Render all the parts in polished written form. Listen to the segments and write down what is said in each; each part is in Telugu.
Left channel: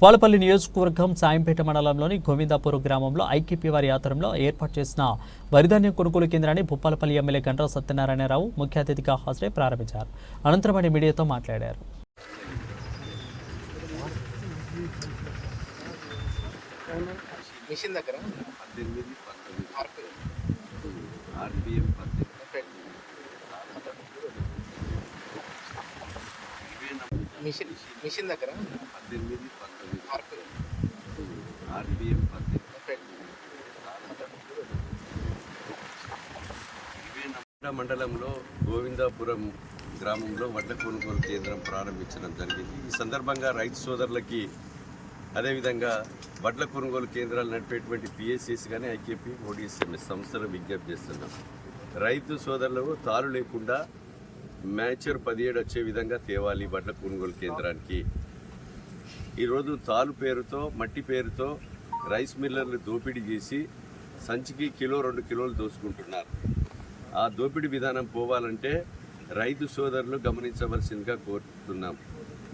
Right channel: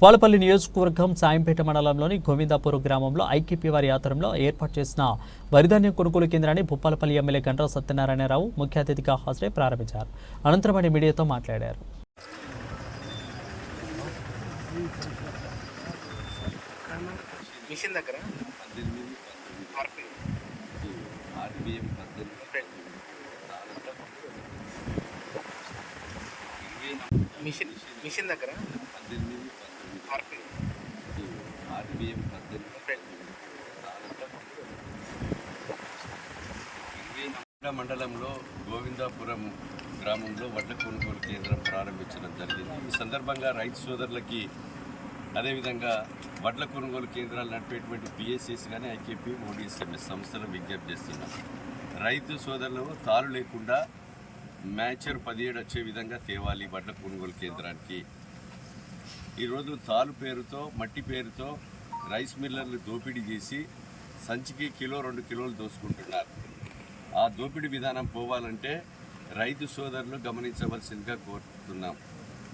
భూపాలపల్లి నియోజకవర్గం సాయంపేట మండలంలోని గోవిందాపూర్ గ్రామంలో ఐకేపీ వారి ఆధ్వర్యంలో ఏర్పాటు చేసిన వరిధాన్యం కొనుగోలు కేంద్రాన్ని భూపాలపల్లి ఎమ్మెల్యే గంటా సత్యనారాయణరావు ముఖ్య అతిథిగా హాజరై ప్రారంభించారు. అనంతరం ఆయన మీడియాతో మాట్లాడారు. మిషన్ దగ్గర 18 మిషన్ దగ్గర 18 ఆర్పిఎం మండలంలో గోవిందాపురం గ్రామంలో వడ్ల కొనుగోలు కేంద్రం ప్రారంభించడం జరిగింది. ఈ సందర్భంగా రైతు సోదరులకి అదేవిధంగా వడ్ల కొనుగోలు కేంద్రాలు నడిపేటువంటి పిఎస్సిస్ కానీ ఐకేపీ ఓడిఎస్ఎంఎస్ సంస్థలు విజ్ఞప్తి చేస్తున్నాం. రైతు సోదరులు తాలు లేకుండా మ్యాచర్ 17 వచ్చే విధంగా తేవాలి వడ్ల కొనుగోలు కేంద్రానికి. ఈరోజు తాలు పేరుతో మట్టి పేరుతో రైస్ మిల్లర్లు దోపిడీ చేసి సంచికి కిలో 2 కిలోలు దోసుకుంటున్నారు. ఆ దోపిడీ విధానం పోవాలంటే రైతు సోదరులు గమనించవలసిందిగా కోరుతున్నాం.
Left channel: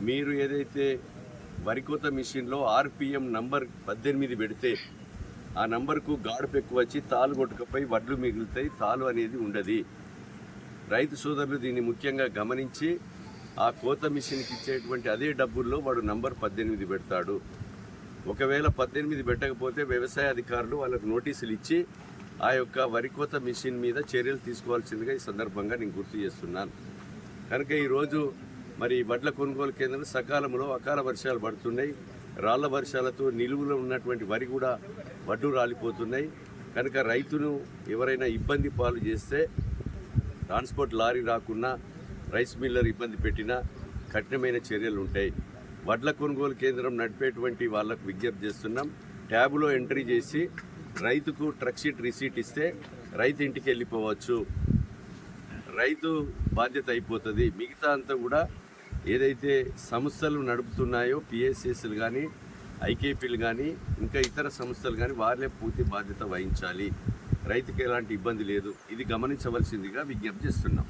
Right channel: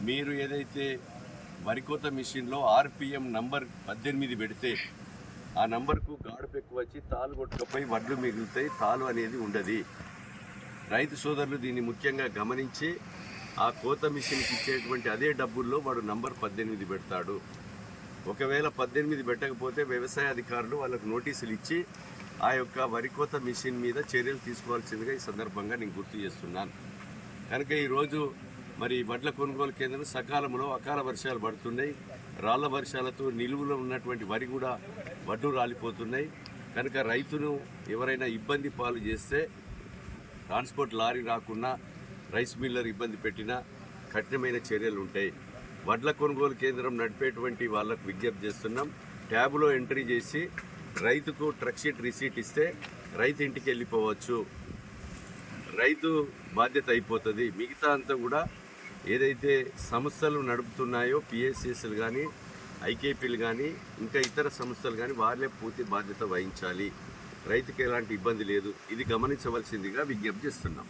మీరు ఏదైతే వరికోత మిషన్లో ఆర్పిఎం నంబర్ 18 పెడితే ఆ నంబర్కు గాడుపు ఎక్కువ వచ్చి తాలు కొట్టుకపోయి వడ్లు మిగులుతాయి, తాలు అనేది ఉండదు. రైతు సోదరులు దీన్ని ముఖ్యంగా గమనించి ఆ కోత మిషన్కి ఇచ్చేటువంటి అదే డబ్బుల్లో వాడు నంబర్ 18 పెడతాడు. ఒకవేళ 18 పెట్టకపోతే వ్యవసాయ అధికారులు వాళ్ళకు నోటీసులు ఇచ్చి ఆ యొక్క వరికోత మిషన్ మీద చర్యలు తీసుకోవాల్సిందిగా ఈ సందర్భంగా నేను గుర్తు చేస్తున్నాను. కనుక ఈరోజు మరి వడ్ల కొనుగోలు కేంద్రం సకాలంలో అకాల వర్షాలు పడుతున్నాయి. రాళ్ల వర్షాలతో నిలువులో ఉన్నటువంటి వరి కూడా వడ్లు రాలిపోతున్నాయి. కనుక రైతును ఎవరైనా ఇబ్బంది పాలు చేస్తే ట్రాన్స్పోర్ట్ లారీ రాకున్నా రైస్ మిల్లర్ ఇబ్బంది పెట్టినా కఠినమైన చర్యలు ఉంటాయి. వడ్ల కొనుగోలు కేంద్రం నడిపేటువంటి వాళ్ళకు విజ్ఞప్తి చేస్తున్నాం. ట్యాబులో ఎంట్రీ చేసి రైతుకు ట్రక్ షీట్ రిసీట్ ఇస్తే రైతు ఇంటికి వెళ్ళిపోవచ్చు. రైతు బాధ్యత అయిపోతుంది. మిగతా అంతా కూడా ఏదైతే సంస్థలు నడుపుతున్నాయో పిఎస్సిస్లు కానీ ఐకేపీలు కానీ ఇంకా ఇతర సంస్థలు కానీ వాళ్ళే పూర్తి బాధ్యత వహించాలి. రైతుకి ఎలాంటి ఇబ్బంది లేదు. ఇది గమనించవలసిందిగా విజ్ఞప్తి చేస్తున్నాం.